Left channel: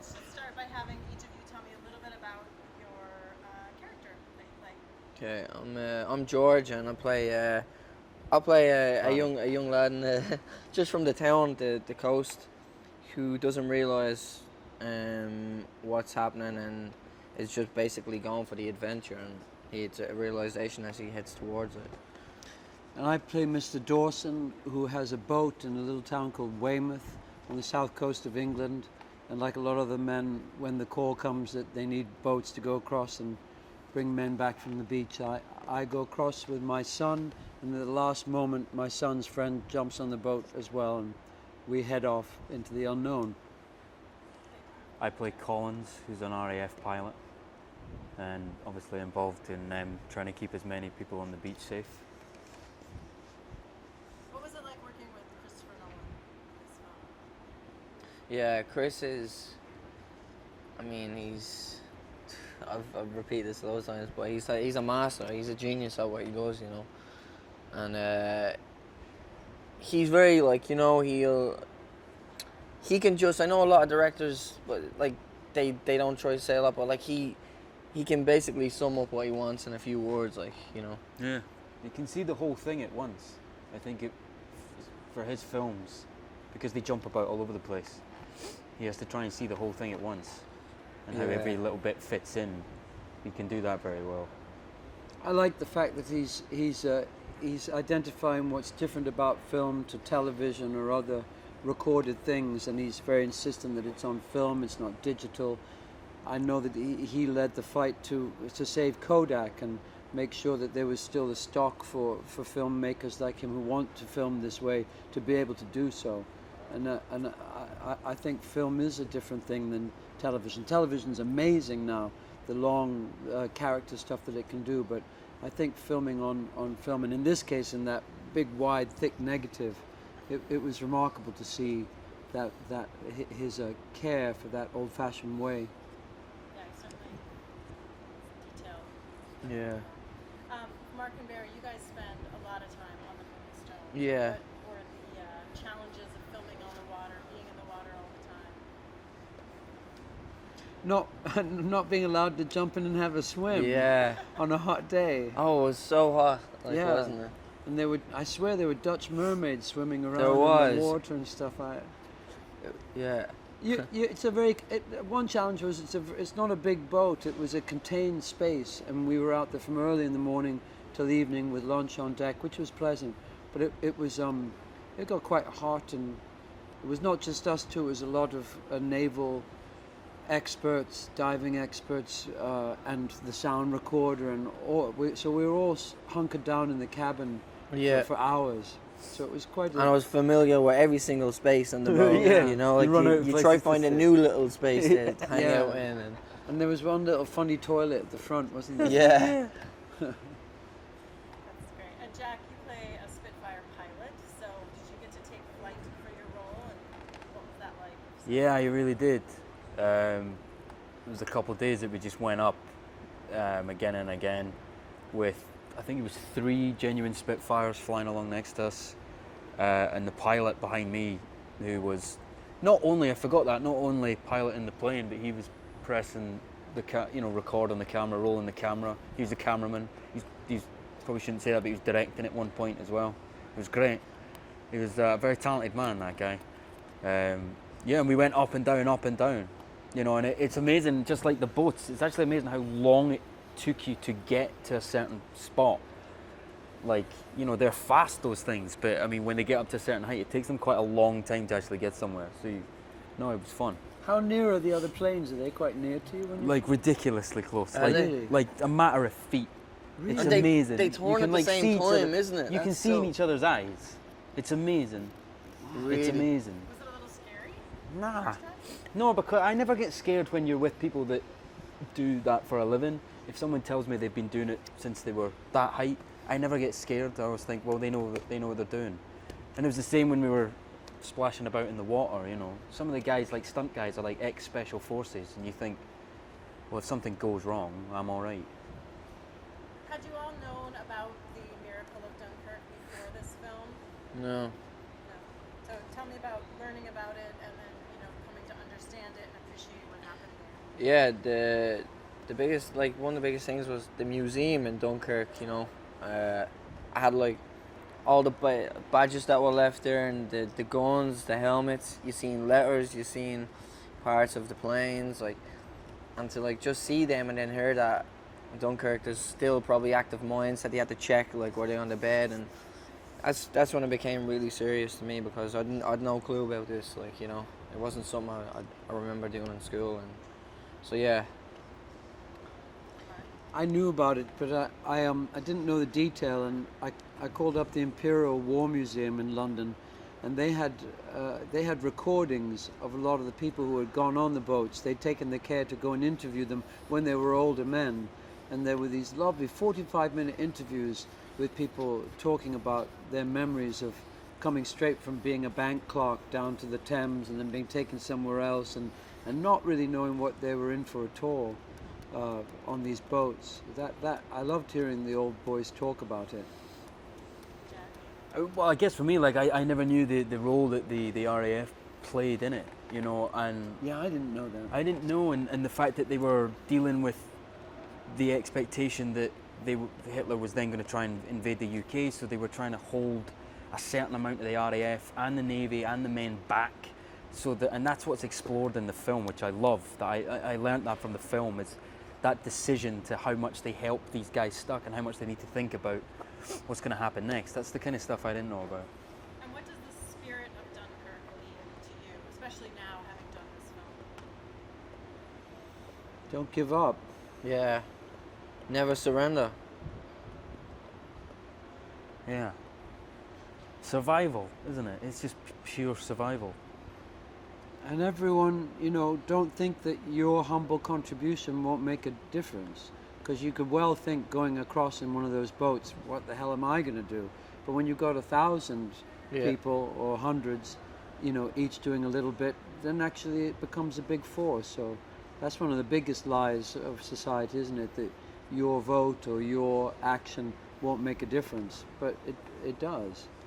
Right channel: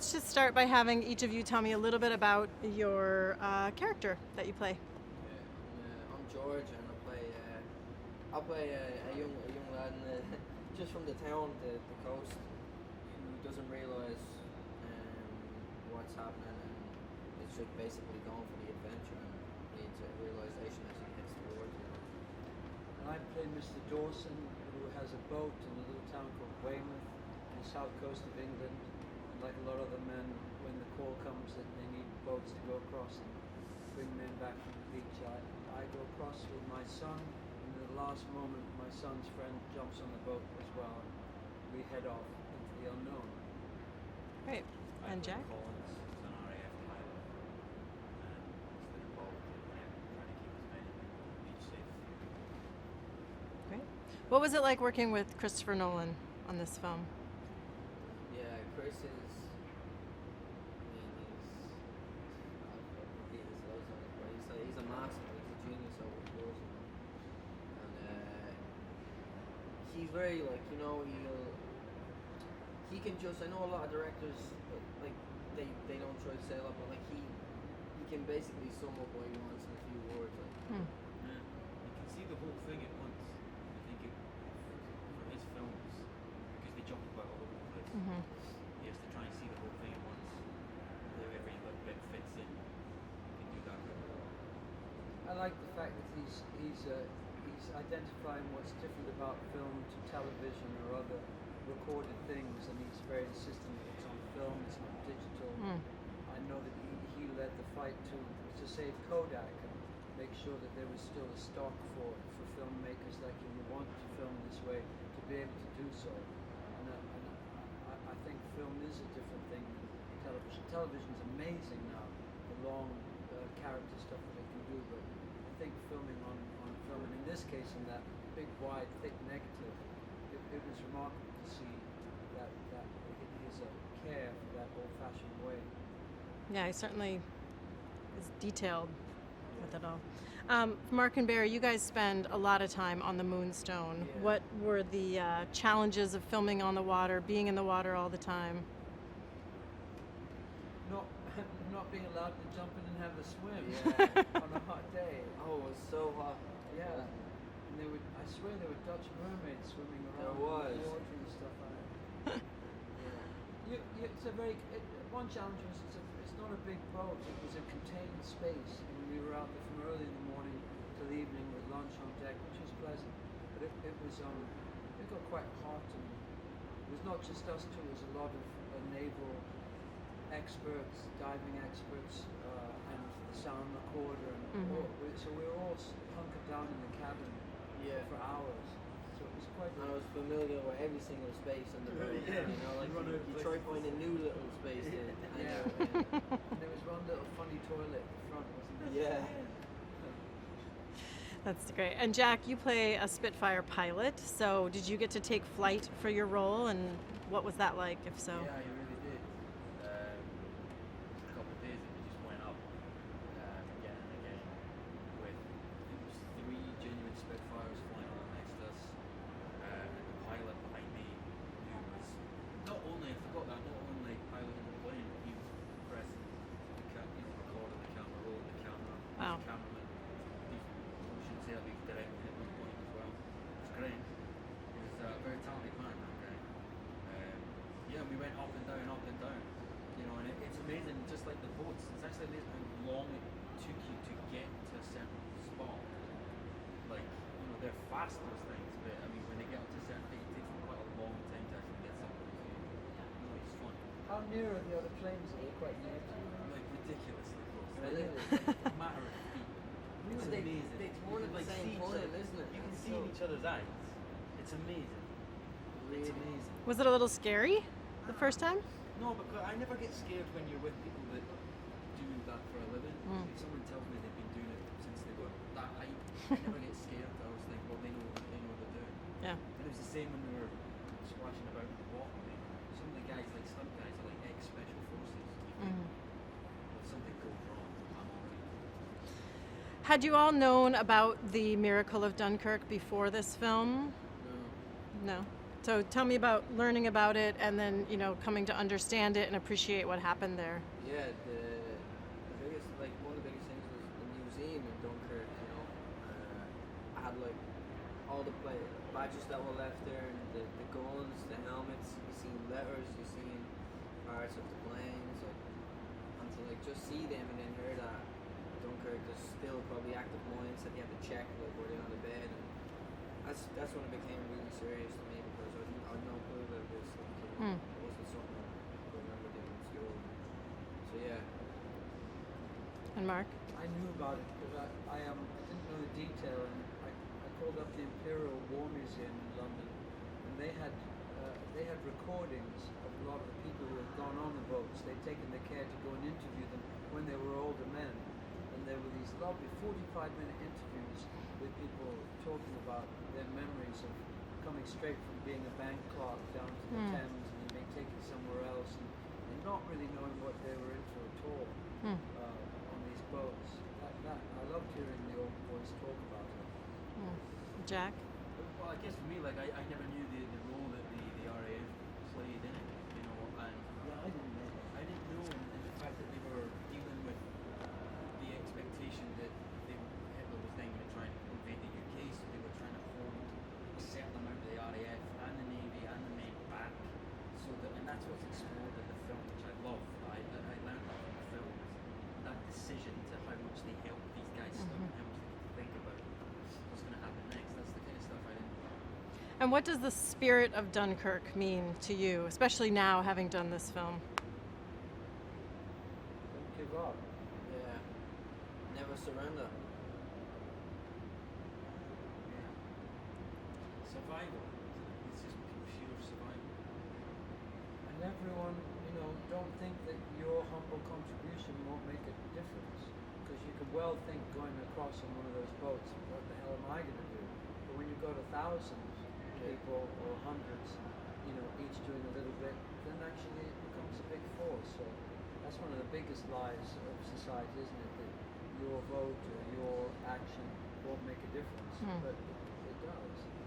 let's just start by having each of you tell me a little bit about your character that you play. Okay, I'm George, and I'll play a young lad just from the town, the coast, who doesn't realise what's happening and is just basically going for the adventure, and it's a realisation as he heads towards it. And I play Mr. Dawson, who has a boat in a little town called Weymouth on the south coast of England. And like a lot of the men, when the call comes that they need boats to go across and bring men back from the beach, I go across with my son, and at the last moment my son's friend jumps on the boat as well, and we head off into the unknown. Great. I play Collins, who's an RAF pilot, and obviously involved in trying to keep as many people on the beach safe. Great. What was it like working with Christopher Nolan on this film? Yeah, Chris is, I mean, I've repeated this loads of times, but he's a master, he's a genius at what he does, you know. And he's very, like, you know, he can just, I know a lot of directors, but like, they don't try to say a lot, but like, he can basically sum up what he wants in a few words, like, you know. Yeah. You can see the whole thing at once. I think for his films, because they jump about all over the place, he has to try and see the whole thing at once, and how every little bit fits in. He can do that very well. I like the fact that he's identifying what's different about film to television or other recorded things, and he's very insistent that it's on film, it's not digital. I know that he led the fight to save Kodak and make sure that there was still a stock for filmmakers like him who want to film this way to be able to do so. And I think film is a different thing than television. Television's amazing now, the long character stuff that it can do, but I think filming on film, and in this case in that big, wide, thick negative, it was remarkable to see that his care for that old-fashioned way. Yeah, he certainly is detailed. Yeah. Mark and Barry, you guys spend a lot of time on the Moonstone. Yeah. What were the challenges of filming on the water, being in the water all the time? Not being allowed to jump in and have a swim. Yeah. On a hot day. Oh, it was so hot, like, Yeah. wasn't it? And I swear there were Dutch mermaids swimming around There was. in the water and stuff. Yeah. It's a very. One challenge was it's not a big boat. It was a contained space, and we were out there from early in the morning till the evening with lunch on deck, which was pleasant. But it got quite hot, and it was not just us two. It was a lot of naval experts, diving experts, and the sound recorder, and so we were all hunkered down in the cabin for hours. So it was quite. And I was familiar with every single space in the boat. Yeah. You know, like you try to find a new little space to hang out in. And there was one little funny toilet at the front, wasn't there? Yeah. That's great. And Jack, you play a Spitfire pilot. So did you get to take flight for your role, and what was that like? If so. Yeah, I really did. It was a couple of days that we just went up again and again with, I think it was 3 genuine Spitfires flying along next to us, and the pilot behind me, who was not only piloting the plane, but he was pressing the record on the camera, rolling the camera. He's the cameraman. He's probably shouldn't say that, but he was directing at one point as well. It was great. He was a very talented man, that guy. And we went up and down, you know, and it's amazing, just like the boats, it's actually amazing how long it took you to get to a certain spot. Like, you know, they're fast, those things, but I mean, when they get up to a certain height, it takes them quite a long time to actually get somewhere. So, it was fun. How near are the other planes? Are they quite near to you? Like, ridiculously close. Really? Like a matter of feet. Really? It's And amazing. They turn at the same time, isn't it? You can see in each other's eyes. It's amazing. Really? It's amazing. Was it a little scary? Nah. First time? No, because I never get scared when you're with people that do that for a living. If someone tells me they've been doing it since they were that height, I never get scared. I always think, well, they know what they're doing. Yeah. And it was the same when we were splashing about in the water, you know. Some of the guys, like stunt guys, are like ex-special forces, and you think, well, if something goes wrong, I'm all right. Had you all known about the miracle of Dunkirk before this film? No. No. So tell me about learning about it and then, coming to understand it and appreciate what happened there. Yeah, the biggest, like, one of the biggest things was the museum in Dunkirk. I had like all the badges that were left there, and the guns, the helmets. You seen letters, you seen parts of the planes, like, and to like just see them and then hear that Dunkirk, there's still probably active mines that they had to check, like, were they on the bed, and that's when it became really serious to me, because I'd no clue about this, like, it wasn't something I remember doing in school, and so yeah. And Mark? I knew about it, but I didn't know the detail, and I called up the Imperial War Museum in London, and they had recordings of a lot of the people who had gone on the boats. They'd taken the care to go and interview them when they were older men, and there were these lovely 45-minute interviews with people talking about their memories of coming straight from being a bank clerk down to the Thames and then being taken somewhere else, and not really knowing what they were in for at all on these boats. That I loved hearing the old boys talk about it. Jack? Well, I guess for me, like, I never knew the role that the RAF played in it, and Yeah, I didn't know that. I didn't know, and the fact that they were dealing with the expectation that Hitler was then going to try and invade the UK, so they were trying to hold a certain amount of the RAF and the Navy and the men back, and that's what's explored in the film, which I love. I learned that from the film, is that decision to how much they help these guys stuck and how much they need to think about what's going to happen next. That's the kind of stuff I didn't know about. And what does the spirit of Dunkirk mean to you, especially now having done this film? Don't give up. Yeah, never surrender. Yeah. Survival, isn't it? It's just pure survival. And everyone, don't think that your humble contribution won't make a difference. Because you could well think, going across in one of those boats, what the hell am I going to do? But when you've got 1,000 people or hundreds, each doing a little bit, then actually it becomes a big force. So that's one of the biggest lies of society, isn't it? That your vote or your action won't make a difference. But it does.